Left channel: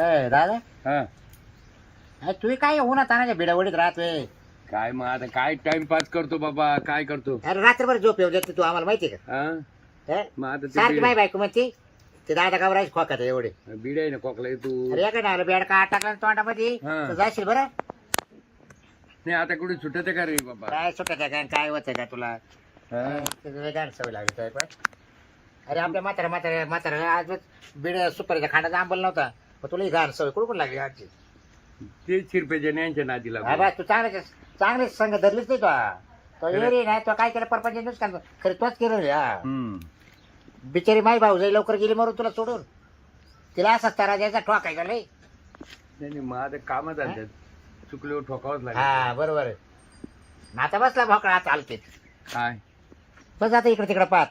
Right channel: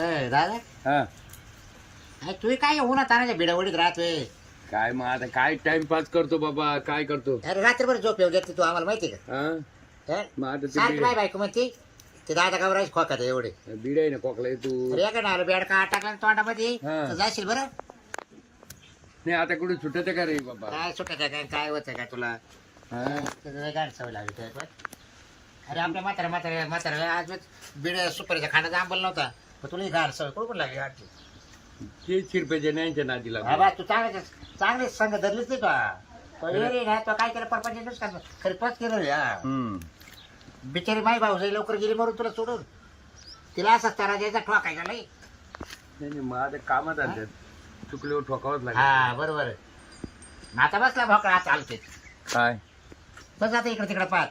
दादा हा तू काय उन्हा तानाच्या बिडावडीत राहतोय. काय मग आता काय टाइमपास करतो बाबा काय करतो अरे रात्रभर झोप येऊ देते तू आम्हाला माहिती का? हा मग आता ते सारखी बाय बायको म्हणते ते दादा गावराज खोकात एवढे. बीड आहे ना कोकला तू अरे या ना बेड का टाकला तोंडामध्ये हा. तर जाशील बरं. नाही आता कुठे सुटत का रे बाबा काय सुटत काय काय होतं का तुला? हा गाड सवय लागली तुला पण. अरे आपल्या म्हातारा आज बीड सुपारीचा खाण्याचा आंबल नव्हता पण तुला ही गाड सवय कुठून लागली आजची? ते शिरपेच्या न्यांच्या नादी लागू बाबा तू चांगले संघ धरलीच नाही तो येरी ना तो काय केलं परपंच नुसकान तरी तोच केलं रे. हा बिचारी माई भाऊ जाई लवकर गेली मरून तुला सोडून तिला असाच तारा द्यायचा ठोकायचा लय. नाही मग आता कामात आलं चुकल्यावर ठोकावंच लागेल. हा बरोबर आहे. मग आता बसला भोकळा आता आलते काय बस आता इकडे तिकडे पाहत.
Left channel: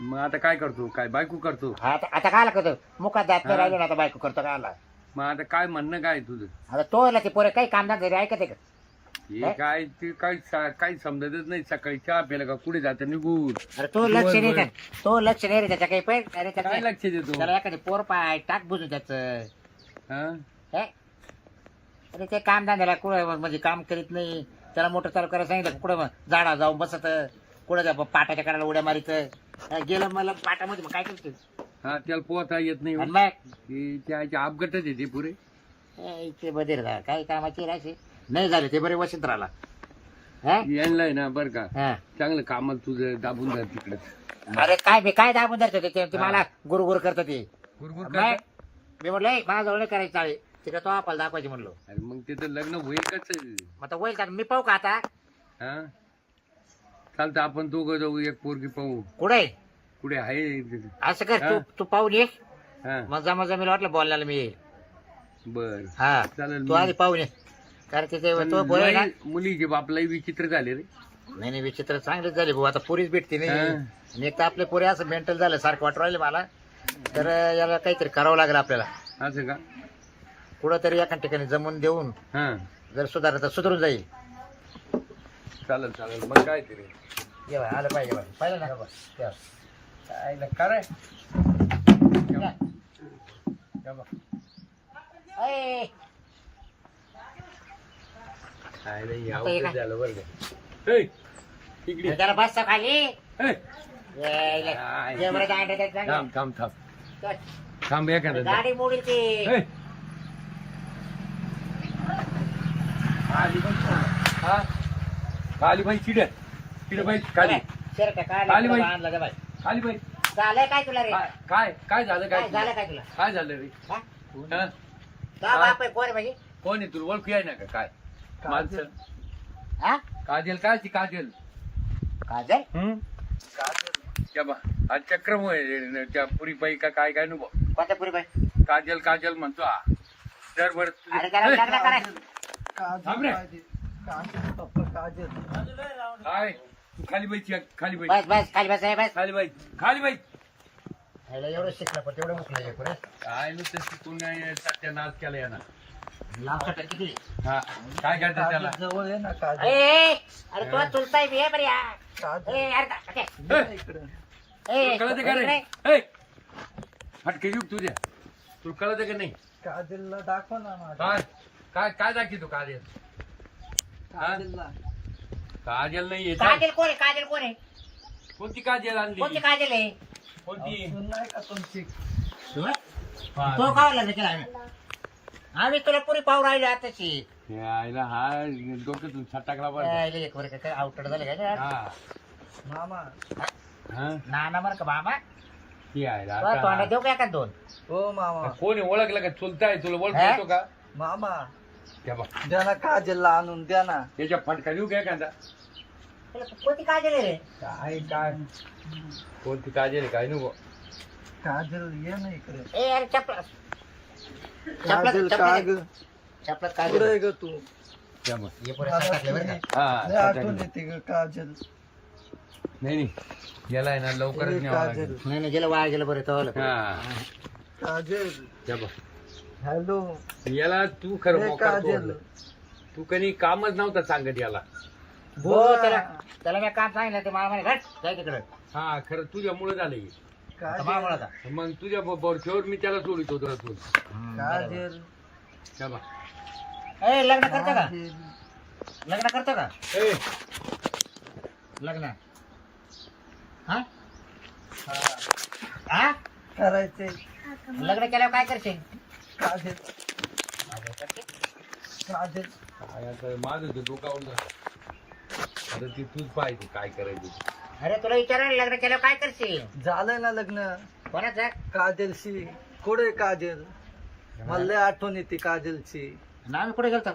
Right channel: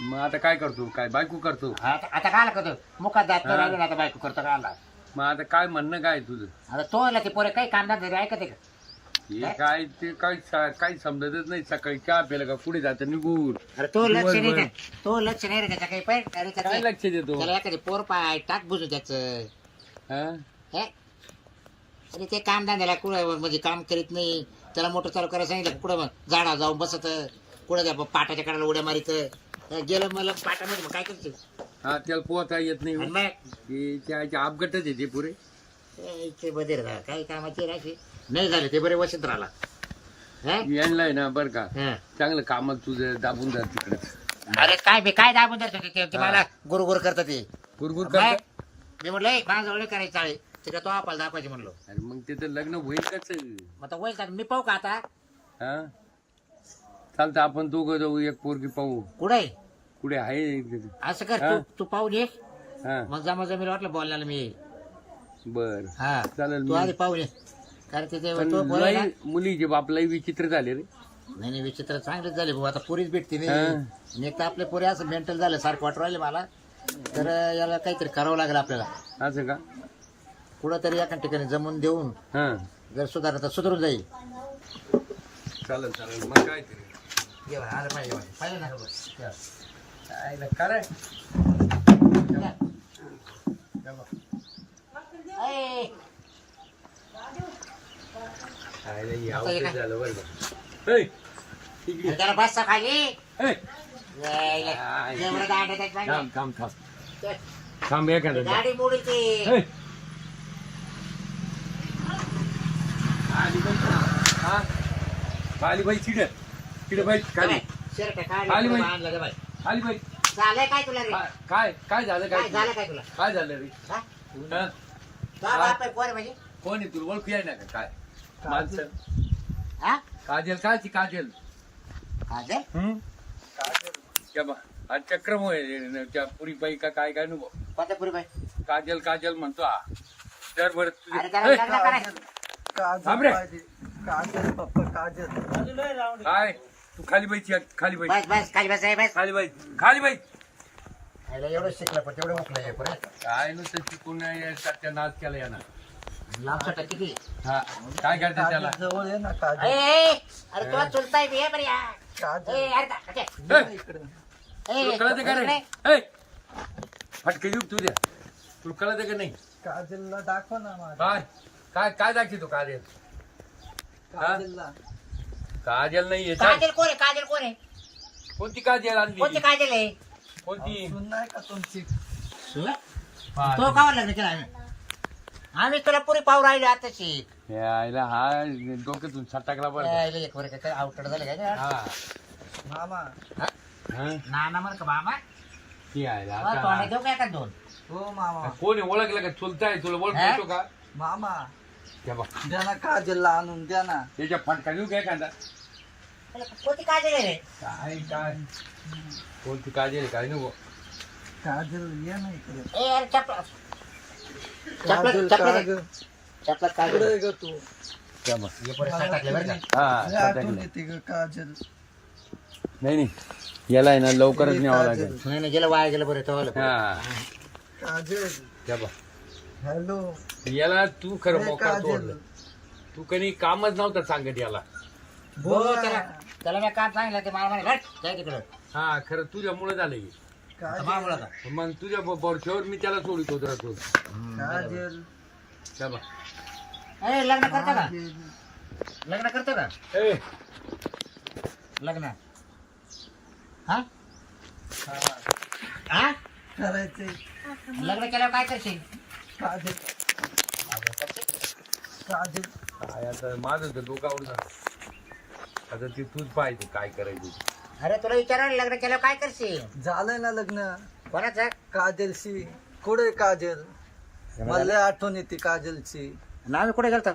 मग आता काय करतो काय बायको करतो आता काय करतो मुखात जात नाही राहिलो ना आता बायको करतो का आला. मग आता काय म्हणणं काय तुझं आता तो आला ते पोरे काही कामदार ऐकते का? हे काय ते काही समजतच नाही सकाळी चहा प्यायला का पुढे जातं निघून अरे तो लक्ष नाही का? तो लक्ष नाही रे त्याच्या काही पण अरे काय त्याला लक्ष देतो त्याला एखादे पोर पाय टाक बुजू त्याचं. हा हे? अरे ते काम धंद्याला कुठं म्हणजे काम करीत नाही. त्याला मोटर चालू करायला सांगितलं कुठं झाडा जाऊन बसत कुठं त्या पाटाच्या कडाला उड्या मारित गेलं मला पाटामध्ये मग काय करतो हा त्याला पोहता येत नाही आणि मग ते त्याच्या अपघातच आहे ते पुरे ते बधीर का काही कामाची राशी नाही झाले ते बरे वसंत राहिला. हा? यांना ना बरं का हा. चांगलं कामाला तुझं दाबून जा तिकडे अरे काय मी काय दाबून धरतो ते मला गुरु करतात ते. गुरगुर मग मी म्हटलं माझ्याजवळ नाही करायची चाळी तिकडे तो आपल्याला दाखवायची म्हणलो. अरे मग तिथं लग्न होईल कस मग आता होईल का मी पाहू का आता हा चालतं आपण दोघं जाऊ एक पोरगी पाहू कुठे कुठे आहे असं कर हा. तू पाहून ये हा मग जमा जमीला वाटलं बोलण्याला मी येईल. बर हा चालेल तू आधी पाहून ये कारण ते तो बरोबर आहे ना? मुलीचे बापलाही विचित्र झाले रे नाही विचित्र चांगलीच झाली भाऊ आता पोरीच भेटते नाही. हा. आणि एक तर आपले पोरी असं मेंटल झालं सारखं वाटू राहिले मला तर याला काहीतरी करावं लागेल आपल्याला असं का कुठंतरी एका ठिकाणी जमून देऊन हा जर सुधारलं तर सुधरून जाईल. चालेल चालेल मग काय तरी ये बाई, आलं पाहिजे पाहिजे ना का बघ. काय कराय ऐ, आता हे काय? झालं बरं का ऐ, इकडे अरे त्याला बस खाली ऐ, यायला. जे बरं दांड आहे त्याचं थांब थांब थांब सांग. थांब एखादं गाडी मोडील ती. ऐ. आली बाई का? हा? आली बाई चिड बाई खाली शर्ट खाली काढला बाई. आणला रे बाई. खाली बाई झालंय काय तुला रे काय काय झालं काय काय झालं काय तुला काय झालं रे हा? हा? का बाप आहे कोण आहे म्हणजे कोण आहे तुला ओळखू आहे ना का काय माणसं हा काजल कायची काजल काजल त्या बा हा चक्रम त्या पुरी बाई का काय काय नको कोणत्या पुरी बाई काजल काजल म्हणतो हा तर बरं अरे त्याला लग्न करायचं. थांब रे काजल पप्पा काजल काय तू खाली बाईची खाली बाई बस बस खाली बस बस खाली बाई खाली बाई आईला एवढं शिकलं पण तेवढं उकलं आहे पुरे काय नुसतं शिकून त्या नाच केला यानं लांब सटा किती हा काय करतात त्याला जवळ ये ना काजल अरे तो चुलताय बी बरी काजल अरे का- ये ना इकडं तुला कळत का रे इकडे. ऐ, फटके देऊ तू द्या तुला कळत का नाही काजलला दाखव ना माझ्या काय काय काय दाखवतो काजल काजलला काजल नाही येत काजल कोण आहे काजल कोण आहे कोणती काजल कोणती आणली काजल आहे कोणती सून नाही का तुमची तो कावर लग्न केला आम्ही तुला पुरी पाहू राहिलो आताशी यायला हा डोक्यातून सटाकला बरं यायला एक वर काय आउटड झालं काय हा मामा हा नाना म्हण का मामा ती यायला तोंडात आता देऊ काय का दोन हो मामा कोणी ओळखलं का चुलताय तुला हा? ओळखतो का मामा त्या बा द्या ना काजलला आणून द्या ना त्याच्या फटका देऊ काय कांदा कोणती काजल आहे रे काय काय कोणती काजल काय नको काजल ये ना इकडे ए अरे चपला काजल काजल चपला कुठे काजल आहे ग तू त्या बा. हे पोरं टाकले बरं का हा लय आठवण सटाकलं. येते ग काजल नाही नाही याला आहे ना लवकरच न्यावं लागेल नाही नाही गेलं वाया गेलं बरं तो हा काजल त्या बा. हॅलो याला तू खरं हे मोकार काजल तोडलं तू कधी कामच नव्हतं सांगत याला हो त्याला त्याला मी काम सांगितलं ते मला म्हणे घट जाय तिकडं हा खरं तुझ्यामुळे झालं हे. आता मामुळा का मग तुझ्या बोरच्यावर मी त्याला सोडितो जरा तू काजल चला ए लग्न करतो का काजल. लग्न करतो का ए लग्न हा हा करायचे लग्न केल्यावर काय करशील काजल काजल काय आता माझं तर डोकं आवडून आता ती तूच पाहिजे काय करायचं ते. अरे तुला विचारायला लग्न केल्यावर काय करशील झालंय ना लग्न कोणाचं काजलशी कुठे काजल मला लय आठवण येते काजलची नाव कुठे गेलतो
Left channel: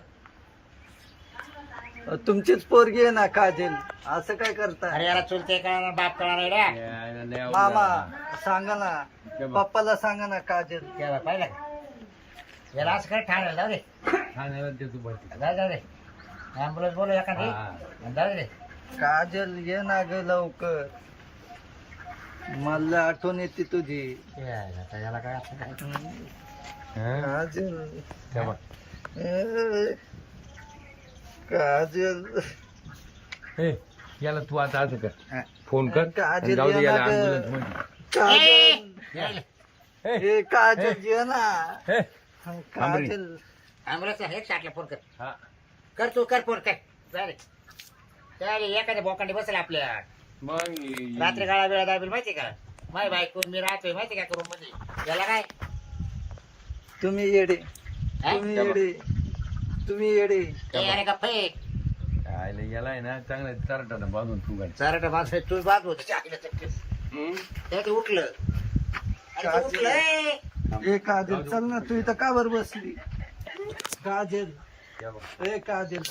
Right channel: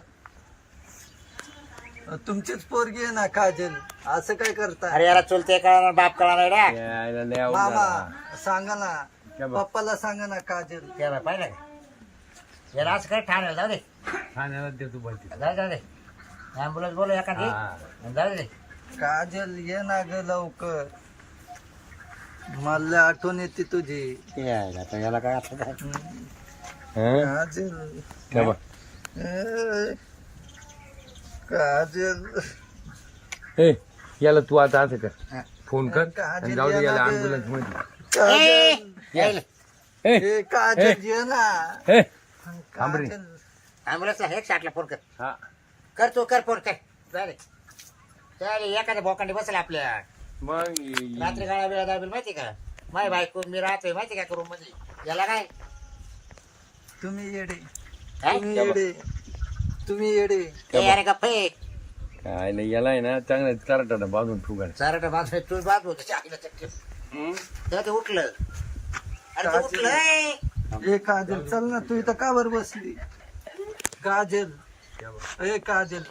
तुमचीच पोरगी आहे ना काजल असं काय करता अरे याला चुलते कळणार बाप कळणार रे यायला लय आवडलं. मामा सांगा ना क्या बा? पप्पाला सांगा ना काजल तेव्हा पाहिलं का याला असं काही ठाण्याला जाऊ दे ठाण्याला दे तू भरती जाऊ दे ॲम्ब्युलन्स बोलू एखादी हा. जाऊ दे काजल ये ना ग लवकर मला आठवण येते तुझी आता याला काय आता काय? काजल क्या बा? ए, काजल ए याला तू आता असं कर हा. फोन कर आणि जाऊ दे याला ॲम्ब्युलन्स मध्ये काजल यायले. ए ए, काजल ये ना ए थांब रे. काजल ॲम्ब्युलन्सला हे शाटला फोन कर हा कर तू कर फोन कर चालेल चालेल एखाद्या बोकांडी बसेल आपल्या मग रात्री गाळा वेळा दाबेल माहिती का माय बायको मी राहतोय माहिती का रूम मध्ये याला काय तुम्ही येडे हा? तुम्ही येडे तुम्ही येडे ए, अरे का फेक काय नाही याला आहे ना चांगलं चारटानं बांधून तू घाल चारट बाजू तू बाजू होते आईला चक्कर तेव्हा ते उठलं अरे काय ते उठलं ए. ए काजल चल ना तू इथं का बर बसली काजल ए काजल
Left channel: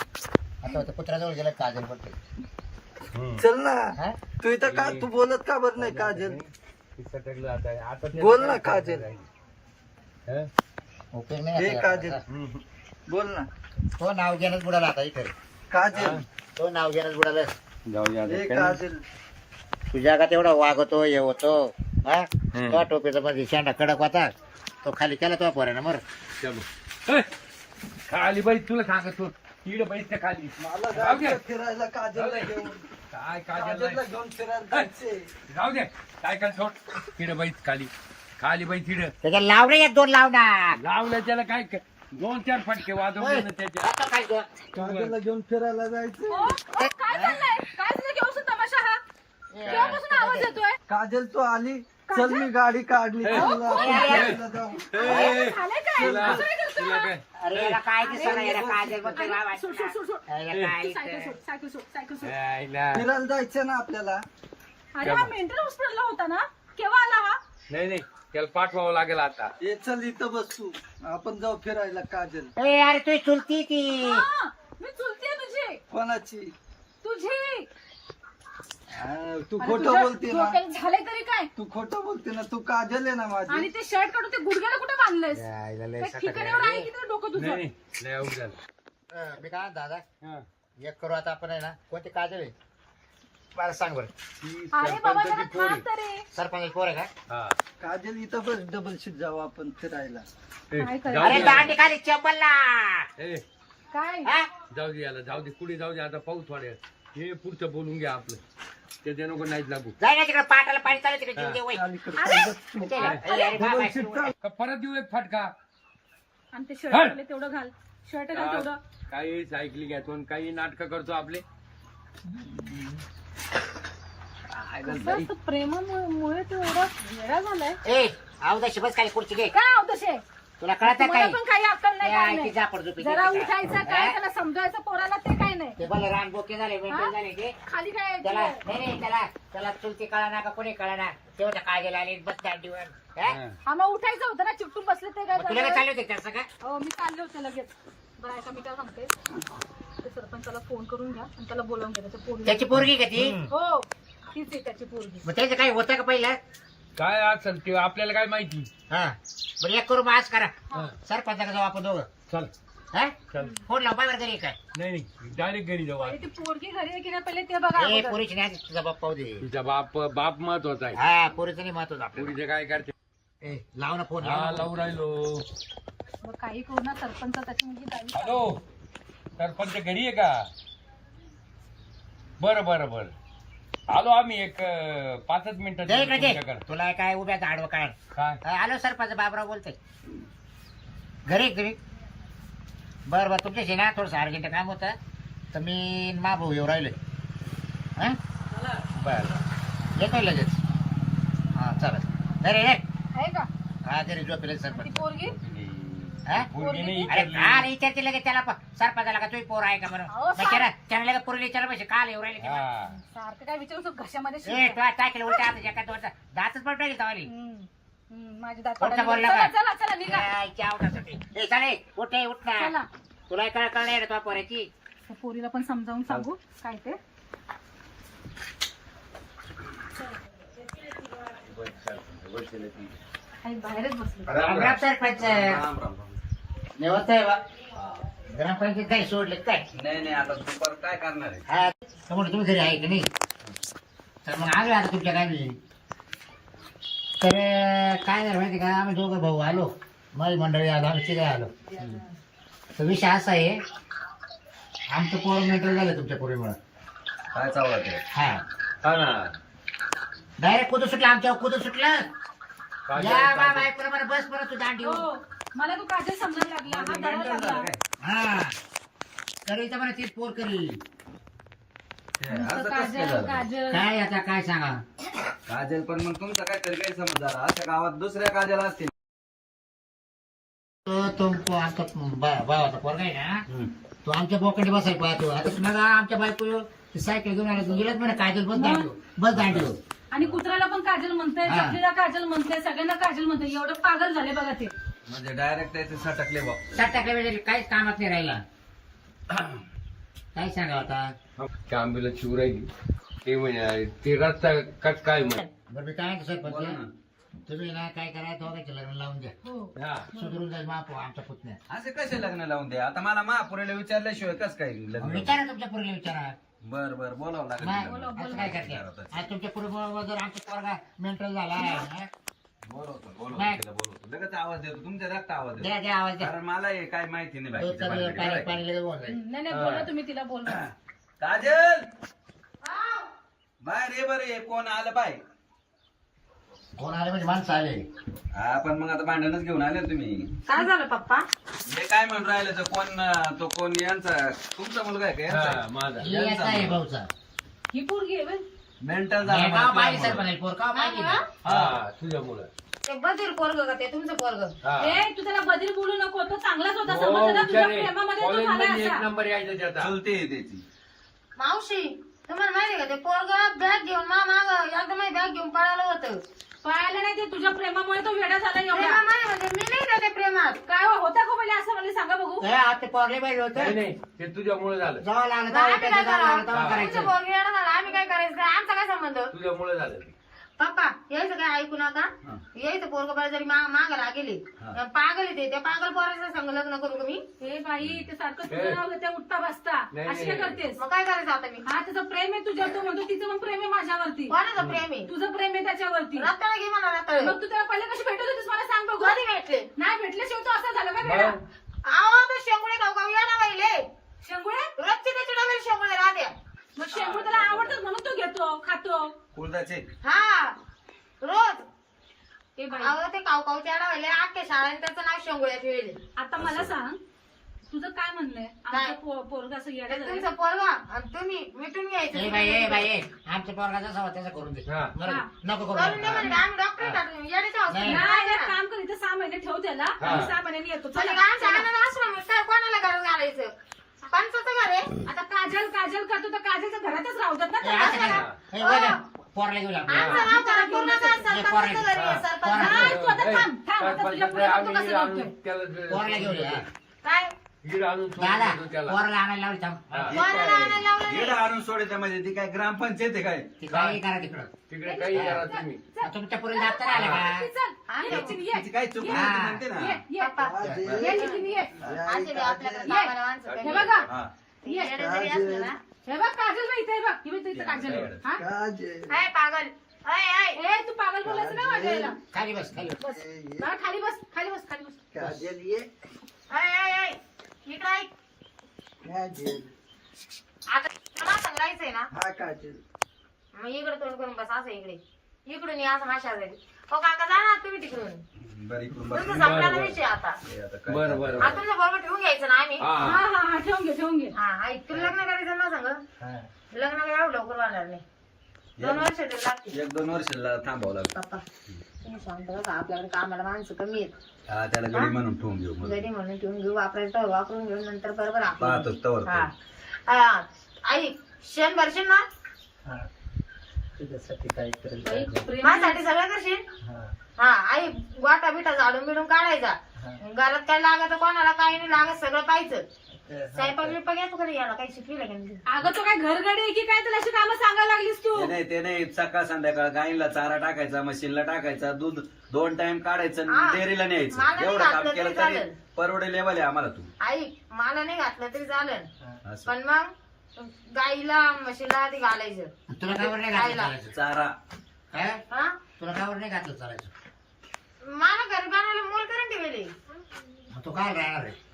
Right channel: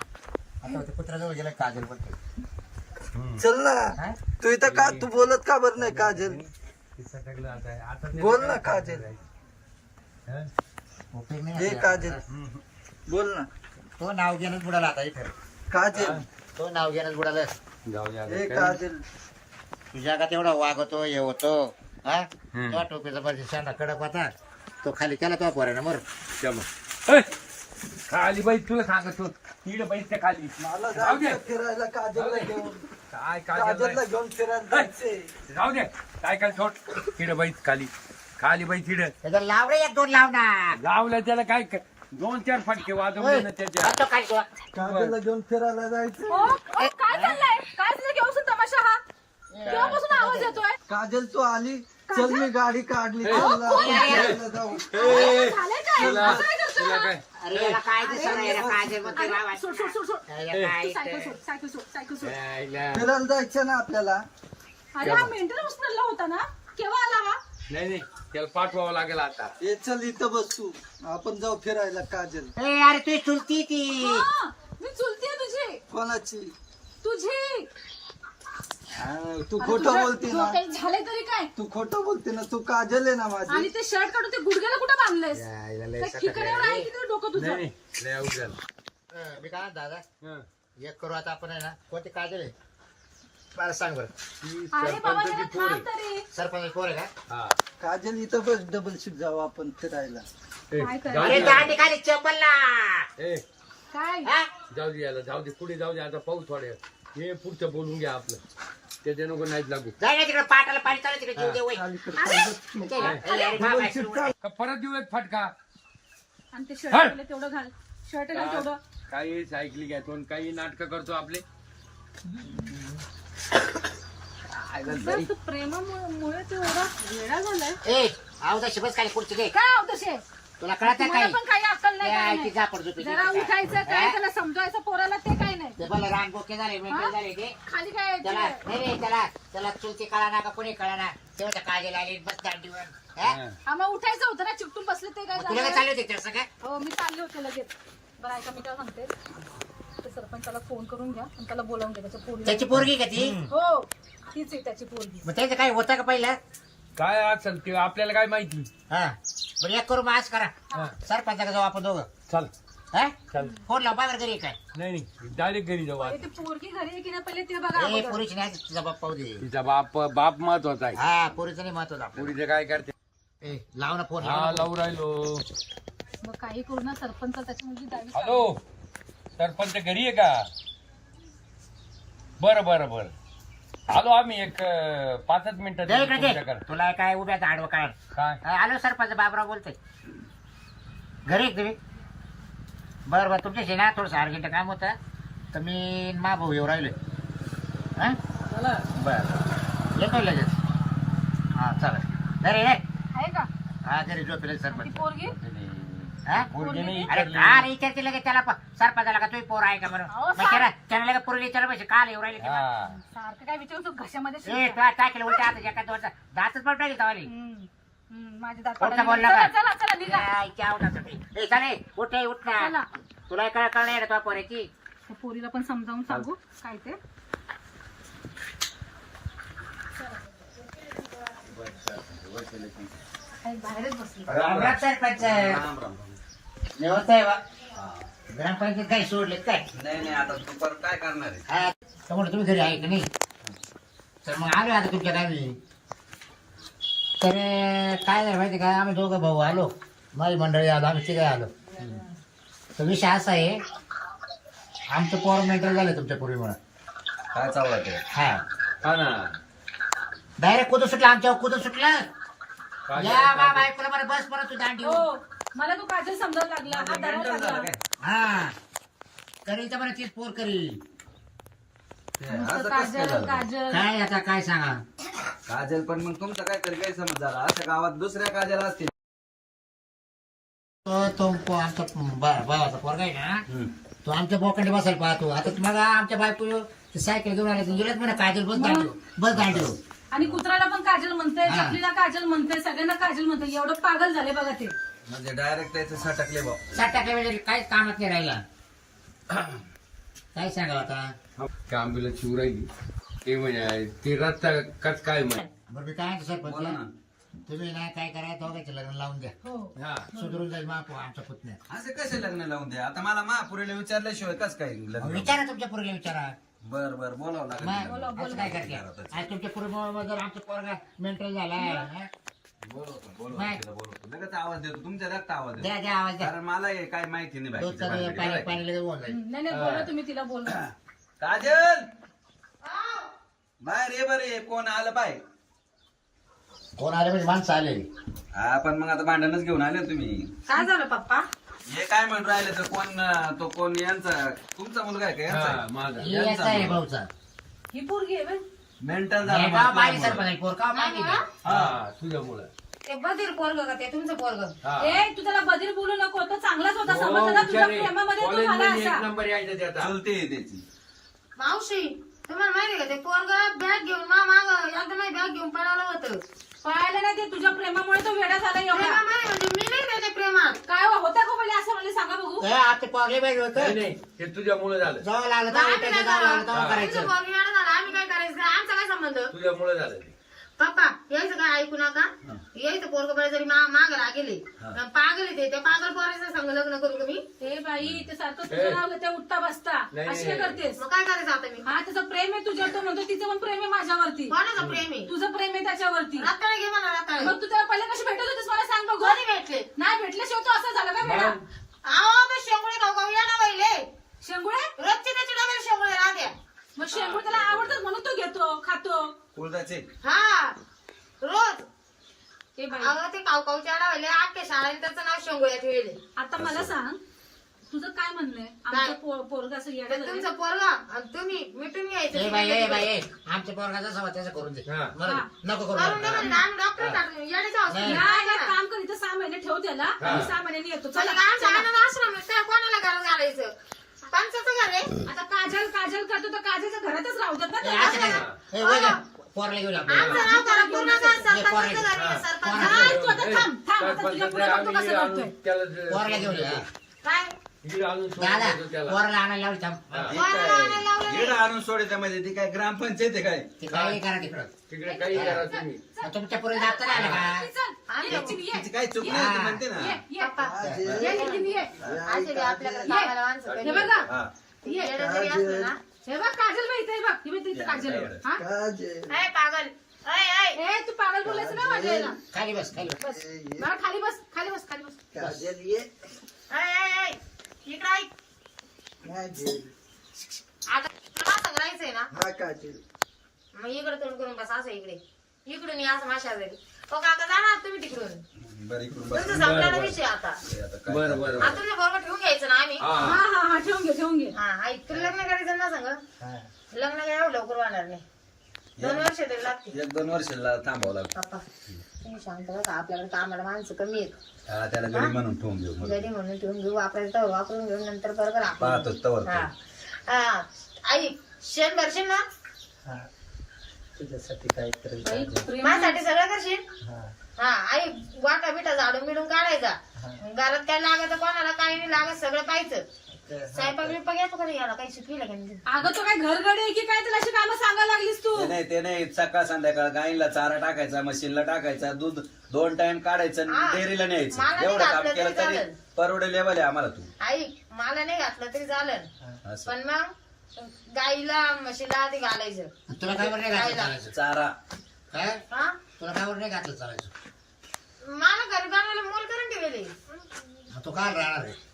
आता ते कुत्र्याजवळ गेला काजल करते चल ना हा? तू इथं का तू बोलत का बर नाही काजल बोल ना काजल ओके ए नाही काजल बोल ना तो नाव घेणंच बुडाला आता इथं काजल तो नाव घेणंच बुडालं जाऊ ए दे काजल तुझ्या का तेवढा वागतो हे होतो हा तो टोपीचा मध्ये शेंडा कडक होता तो खाली केला तो पोरानं मर खाली बाई तुला सांगतो इकडे बाईस त्या खाली मला जाऊ दे जायचं फिरायला काजलला घेऊन काय काजलला काय घेऊन फिरायला जायचंय जाऊ दे काय काय सोड तिकडे बाईस खाली खाली बाई तिकडे त्याच्या लावणे एक दोन लावणार लावलं त्याला काय दोन चार फटके वाजवले ना त्याच्या आता खाली ठेवा. काजलला घेऊन फिरायला जायचंय काय चाललंय काय तुला घेऊन तमाशा हा केव्हापासून आवाज येतोय काजल तू आली चल मी गाडी काढली चल आपण फिरायला जाऊ झालंय काय तुला असं काय करतोय तुला हा? काय अरे याला काय दिसणार याला काजल मध्ये अरे, राव सोड सोड सोड सोड याला काय सायकल सोड सायकल सोड सायकल सोड यायला. फिरायला जायचं ना आपल्याला अरे हा मेंटल हॉस्पिटलला होता ना केव्हा आला हा नाही नाही त्याला पाठवावं लागेल आता ये चल इथं बस तू आपण जाऊ फिरायला काजल ए, अरे तू चुलती ती हा, मी चुलतीये तुझी कोणाची तुझी हा, तू अरे, खोटं तुझ्या बोलते ना डोक्याला झालंय तरी काय तू खोटं बोलते ना तू काजल आहे ना माझी आणि ते शर्ट काढून ते गुडघ्याला कुठं बांधलंयस यायला लय काय सकाळी ठिकाणावर आहे की नाही डोकं नाही तुझं नाही लय अवघड झालं. मी काय दादा हं. एक करू आता आपण आहे ना कोणती काजल आहे मला सांग बरं ती अरे बाबा सरपंचाची जरा पोर थांब आहे तरी सरपंच पोर आहे का हा काजल इथं बस डबल शिफ्ट जाऊ आपण फिरायला ए, काय कर- जाऊ अरे दे गाडी खाली चंपलला ए, काय हा? जाऊ दे याला जाऊ दे पुढे जाऊ दे आता पाऊस थोडे हे पुढचं बोलून घ्या आपलं त्याच्या नको नाहीच लागू जाय ना तिकडे पाटाला पाणी चालू तिकडे जीव दे वय अलीकडे अरे बाबा, डबल शिफ्ट जाऊ. का परत देऊ एक फटका आणि ते शर्ट तेवढं घाल शर्ट घाल तेवढं काही सायकली घेतो आणि काही नाटक करतो आपले बस तू प्रेमामुळे तू एवढा वेडा झालाय ए अवदाशी बस खाली खुर्ची घे काय आहो तसे तुला कळत आहे मला काही पण काही अक्कल नाही काय ती नाही. झापड झोपी जरा उठायचं काय त्याला समजवायचं पोराला ते काय नाही ते भले रान बोके झाले मेंटेन हा? झाले ते खाली काय त्याला नाही नाही त्याला चुलती कळा ना का कोणी कळा ना तेवढं काजल आली बस दांडीवर हा? हा. हा मग उठायचं होतं ना चिपटून बसले ते काय मग तुला काय झालं? चालू होते त्याचं काय हो मी चालले होते लगेच बरं ऐका मी काय सांगते ते सरपंचाला फोन करून घ्या आणि त्याला बोलावून घ्या त्याच्या पोरी त्याची पोरगी का ती हो तीच आहे त्याची पोरगी मग त्याचं काही होतं का पहिलं काय असेल ते आपल्याला काय माहिती हा बरं एक करू मास करा हा. सरपंचाकडे जाऊ आपण दोघं चल हा चल फोन लाव बाहेर घरी काय नाही नाही डायरेक्ट घरी जाऊ पहिले ती पोरगी घरी आहे की नाही पहिले ते बघा ए अगोदर. पोरीची नाही तुझा बाप पाहू दे तिचा बाप महत्वाचा आहे हा पोरीचं नाही महत्वाचं आपलं पुरीचं काय करते ए लाव ना फोन हा लाव ना. लावू राहिलो मग काही करू ना सरपंच त्याची मुलगी द्यावी हॅलो सरपंच घरी आहे का बरं बरं बरं आलो आम्ही एक 5 मिनिटात दे इकडे दे. तुमच्याकडे. तुला काय उभ्या आडवं काढ. काय आलो सरपंच बाबराव बोलतोय. घरी तुम्ही बरं बरं तुमच्याशी ना थोडंसं अर्जंट काम होतं तर मी मा भाऊ येऊ राहिलोय. हां बरं येतो लगेच. हां चालेल. अरे रे आहे का हा घरी झोपेल ती सरपंच. पोरगी हा पोरगी नाही अरे विचारली. का रे विचारते लगेच त्याला सरपंचाला का तुम्ही पोर आहे का म्हणून अहो, मग त्याला लगेच पोरीला विचारलं पाहिजे काल येऊ राहिले. हा सारखं काय विचारू तू घशामध्ये ए शिरतो. तुला काय केलं उलट्या हाताच्या एका दोनचा दातच पण टाकेल तवाली. माझी दात कोणता पडायला बोलला लागली. का? चला चला निघा. ए चाले उठ रे, उठ ना. चला तुला कळ नाही रे तुझ्या पोऱ्याची. त्या पोरीला पण समजावून सांगू काय ते. काही बाहेरच बसली. राम राम सरपंच. निवडत आहे बा ग्रामपंचायत काही सोडले काय. नाही आता तू परत काय करणार आहे? हा त्यामुळे तुम्ही घरी आहे की नाही तर मग आलो आता तुमच्या गावी. तर काय झालं माहिती का आम्ही दोघं भाऊ आलो माझी मंडळी आलो आम्ही तिघे आलो. तर विषय असा आहे आमचं पोर मेंटल झालं तुमच्या पोरीमुळं. काय चावला ते? हा हा ना डायरेक्ट कुठं सुटलं आमच्यावर कुठं सुटलं. काय या बा बायकोला मला बस परत तू दांडी. हो मला तू काजल समजायला लागला. हा दरवाजा मेंटल झालं लागला. काय? हा करीचा मला तीच पोर करी. ते असं नुसतं कसं काजल झालं? काजल. काय आता काय सांगा. काजल पण मग तुमचं काहीतरी गैरसमज झाला. अशा गावात दुसऱ्या काजल असतील. तो आमचा भावाचा पोरगा आहे ना तो आमच्या बोकडे बसायला पाहतो. आता तुम्हाला आमच्या बायको सायकल घेऊन आले गेलंच म्हणा काजल बस दांडी. आणि कुत्राला पण काजल म्हणतंय, हा. चकलीला काजल म्हणतंय, सगळ्यांना काजल म्हणतंय. एवढं पागल झाले बघा ते. म्हणजे डायरेक्ट त्याचे सटकले भाऊ. 60% म्हणजे काहीच कामात नाही राहिला. काय सांगा आता. आंबीला शिव राहिली ते म्हणे ते रस्ता कस काय म्हणे. बरं मी काय म्हणतो बोला ना. सरपंच तुम्ही ना काय करा दोघांचं लग्न लावून द्या. हो हा सुधरून जाईल महापो आमचा पुतण्या. असे कसे लग्न लावून द्या? आता मला महापुरेला विचारल्याशिवाय कस काय लग्न? विचारा तुमच्या पोरीला विचारा. बर बोलावं लागेल मग तिला. असं काय करते आज तुमच्या पोरीमुळे जर आमचा पोरगा मेंटल झाला बोलवतो लगेच आवाज देतो. तुमच्या रक्त आवाज देतो. द्या द्या आवाज द्या. कारण मला हे काय माहिती नाही तो बाकीच्या चालू भानगडी. पाणी बरं आहे. पाणी लगेच बोल जाईल. नाही बोला तुम्ही तिला बोल. काजल बाहेर ये बरं. ये कोण आलं बाय? कोण आले म्हणजे माणसं आले. हा पण मग आता भांडणच घेऊन आले ना तुम्ही. काय झालं पप्पा? हे काय म्हणून राहिलं तर कोण यांचा तुमचा मुलगा आहे का यांचा हा, आहे? माझा ही याचा आहे भाऊचा. ही पोरगी आहे बाई. मेंटल हे झाला गाव मला पाहिजे तुझ्या सरपंच पोर का माहिती नाही. हा तुझ्यामुळं ते बधीर पोरग का ते तुमचं पोरग? हा. ए तू त्याला बधीर बोलू नको. तो चांगलाच होता. हो, समजला तुझ्या बिचारे. प्रेमामध्ये तो झाला कॉलेजमध्ये एक असा. नंबर यायचा त्याचा. चुलती आहे त्याची. मावशी तुम्हाला माहिती का ते पोरग बॅग घेऊन माग एकदम बॅग घेऊन पळालं होतं. पळायला नाही ते तुझ्या प्रेमामुळे तो वेडा झाला प्रेमा एवढा. माहिती म्हणजे मी नाही त्याच्या प्रेमात. काय होता का पहिले असं मला सांगा बघू. हे आता पोरले पाहिजे नाही होतं. नाही ते तुझ्यामुळे झालं जावं लागलं तेव्हा आम्ही उठायचं, काय जावं लागलं तेव्हा करावं? करायचं. तुमचं पोरग येडं झालं, आम्ही काय करायचं? आमचा काय संबंध? तुझ्यामुळे झालं ते. पप्पा यायचं काय ऐकू नका. यायचं पोरग बाई जरी मागायला गेले पागल येते त्या पागल पोराचं संग लग्न करू का मी? ए बाई ते सारखं तुझं नाव घेते उठता बसता. नाही, अशी काय नाही. करतेस? मग काय करायचं आता मी? हा त्याचं प्रेम आहे तुझ्यावर. तो म्हणतो तिचं पण प्रेम आहे माझ्यावरती. कोणाचं प्रेम आहे? तुझं प्रेम आहे त्याच्यावरती. रताळ घे मला रताळ. मग तू त्याला पहिले कशी भेटत होतीस मला सांग बघू. कधी भेटले? नाही भेटल्याशिवाय तो असं झालं का वेडा? मग अहो तो शेंगुळे खाऊ खाऊ या ना बाईले. शेंगुळे? रोजचे त्याचे डबे शेंगुळे राहत्या. मग शेंगूळ त्याला आवडतात म्हणून तो घेतो खातो. कुळदाचे हा रोज. ए बाई अहो ते काऊ काऊ त्याला राहिले अख्ख्या शाळेत त्याचं नाव शेंगुळ्या ठेवले. आता मला सांग तुझं काय म्हणणं आहे? आमचं पोरग असं येडं झालंय. तुमचा पोरगा आणि तुम्ही मिटून घ्यायचं. ए बाई ए बाई ए, आमच्या पोरगा जसा होता तसं करून दे. हा. बरं, हा. नको करू करून दे नका. म्हणजे आम्ही डॉक्टर टाकून येण्याच्या नाही. नाही एक काम कर इथं 6 महिने ठेव त्याला हा. आणि 6 महिन्यांनी येतो. चला, आमच्या चला. आनंद आश्रम आहे. काय कोणाला घरात घालायचं? पंचाचं घर आहे. आता काजल करतो तर काजलच्या घरातच राहतात ना ए, त्याला. असं काय? ए, वय पोरला घेऊन आमचं आपल्या. नाव त्याला पूर्णचं सरपंचाचं घर आहे. सरपंच. नाही, तू आता थांब आता तुझ्या पुढे बघतो कसं करतोय. पोरला घेऊन या. काय? दादा पोरला आणायला लावली थांब. कोणाला आणायला लावलं नाही? येडं आणून सोडायचं म्हणजे ती काय ग्रामपंचायत आहे काय? ते काही करा तिकडं. तिकडे काही करा तुम्ही. आ, तुमच्या पोरी जात नाही आलं का? चल, ये नितीन, ये. तिची काय चूक नाही ती म्हणते ना. ये. ये नितीन, ये. असे ते आपल्याकडे कामाला माणसं हे कमी. बघा हा. ये. येडं जरी असलं ना. हे बघ काजल बाई इथे आहे बघ. ही बघ इथे काजल आहे. हा? काजल. ए, पागल. ऐ, ऐ. ए तू पागल बोलायचं ना माझ्या याला. खाली बस खाली बस. बस बाळा, खाली बस खाली बस खाली बस. काजल ये. ऐ, ऐ, ऐ. इकडं ऐक. काजल. आता तुला मला सांगायचंय ना. हा काजल. मग इकडे तोंड करून बस असं इकडून या असं माझ्या घरी. हो काका जाणार तुम्ही तिकडून. बरं इकडून तुमचं बस. संपला ना विषय आता. बरं बरं आता तुझ्या बरोबर ठेवून घ्यायचं ना आम्ही. हा हा हा हा ठेवून घे हा ऐक तुला लग्न करायचं ना सांग. हा. लग्न काय एवढं लवकर होणार नाही. 2 वर्ष तरी लागतील. 1-2 वर्षाला थांबावं लागतं. पप्पा तुम्ही शांत बघा आपल्याकडे कामाला माणसं कमी आहेत. हा त्याला गडी म्हणून ठेवून घेऊ मग. घरी म्हणून ठेवून घेऊ वापरायचं तर वापरून घेऊ नंतर बरोबर पाहतो तवर हा हा. ऐक शेण भरशील ना हा. तुझ्यासाठी काय करेल बाई, प्रेम माझ्यासाठी सगळं करशील. हा. हा आई वाटा बिटा झाडून बिडून काढायचा. घरात काय लागायचं कोणाला काही नाही लागत सगळं पाहायचं. स्वयंपाक बिपाक येतो कधी याला काही शिकविलं का नाही? अगं तो काय घरगडी आहे की काय तुला अशी कामं सांगायला लागलीस तू? ते नाही सकाळ संध्याकाळ गाईला चारा टाकायचा मशीनला टाकायचा दूध 2 टाइम काढायचं हा. डेअरीला मला न्यायचं नाही एवढं काम घातलं केलं तरी तरी चालेल. परवडे लेवल आहे आम्हाला तू आई मला नाही घातलं तरी चालेल असं पण मग गाईला म्हशीला ते घालायचं. तुला कावर नाही घातलं खायला. चालायचं चारा काय हा तुला कावर नाही घातलं चालायचं मला घर गाण्याला मोल करून ठेवले. मग तू काय राहणार आहे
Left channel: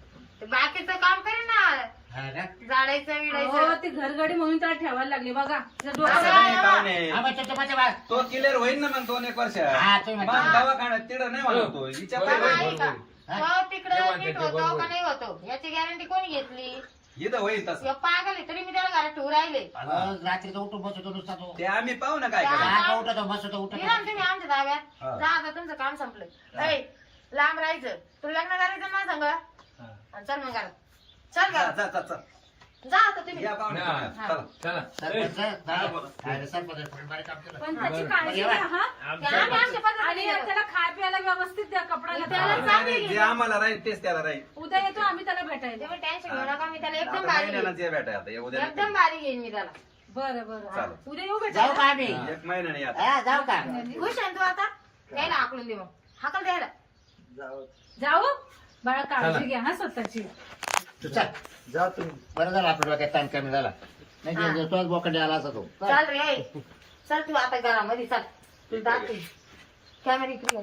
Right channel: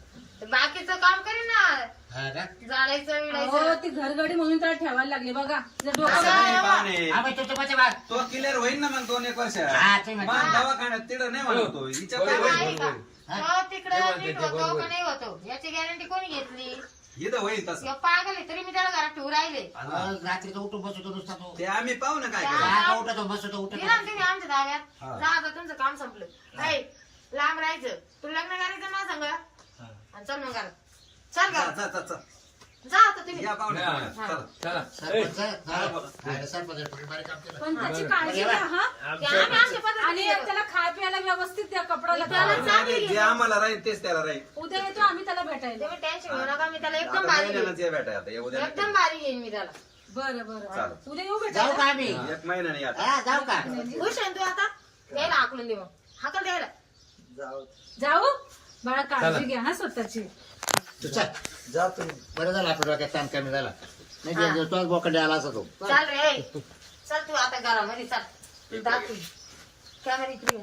बाकीचं काम करेन ना हा का? झाडायचं हो विडायचं. ती घरगडी म्हणून त्याला ठेवायला लागली बघा तिचं असं डोकं नाही पाहुणे. हा, मग तुमच्या पाठी बघ. तो क्लिअर होईल ना मग 2-1 हा, वर्षात तुम्ही मग म्हणता. दवाखान्यात तिथं नाही म्हणतो हिच्या काय बाबा, होईल? ऐका. हो तिकडं नीट होतो का नाही होतो याची गॅरंटी कोणी घेतली? इथं होईल तसं या पागल आहे, तरी मी त्याला घरात ठेवून राहिले. मग रात्रीचा उठून बसतो नुसता तो ते आम्ही पाहू ना काय हा. करायचं. हा, का उठतो बसतो उठतो दिला ना तुम्ही आमच्या ताब्यात. हा. जा आता तुमचं काम संपलं. ऐ, लांब राहायचं. तू लग्न करायचं ना सांग आणि चल मग घरात. चल जा, घरात जा, जा, जा. जा आता तुम्ही. या पाहुणे हा. चला. चला सरपंच काय सरपंच कोणी बारीक काम केलं पण त्याची काळजी बरं, घ्या हा ते आम्ही आमच्या पद्धतीने आणि केलं. त्याला खाय प्यायला व्यवस्थित द्या कपडा त्याला लागतो. चांगली नाही, जे आम्हाला राहील तेच त्याला राहील उद्या येतो आम्ही त्याला भेटायला. तुम्ही टेन्शन घेऊ नका मी त्याला एकदम आता भारी महिन्यालाच ये बेटा आता उद्या नाही. एकदम भारी घेईन मी त्याला. बरं बरं चालेल. उद्या येऊ जाऊ का भेटायला. आम्ही 1 महिना नाही आता हा जाऊ का खुश आहे ना तू आता द्यायला हाकलून दे मग हाकल द्यायला. जाऊ जाऊ बाळा काळजी घ्या हा स्वतःची. तू चल जा तुम्ही. बरं झालं आपल्या डोक्यात ताण कमी झाला नाही तोच बोकडे आला असा तो चल रे चल तू आता घरामध्ये चल. दाखव कॅमेरा इकडे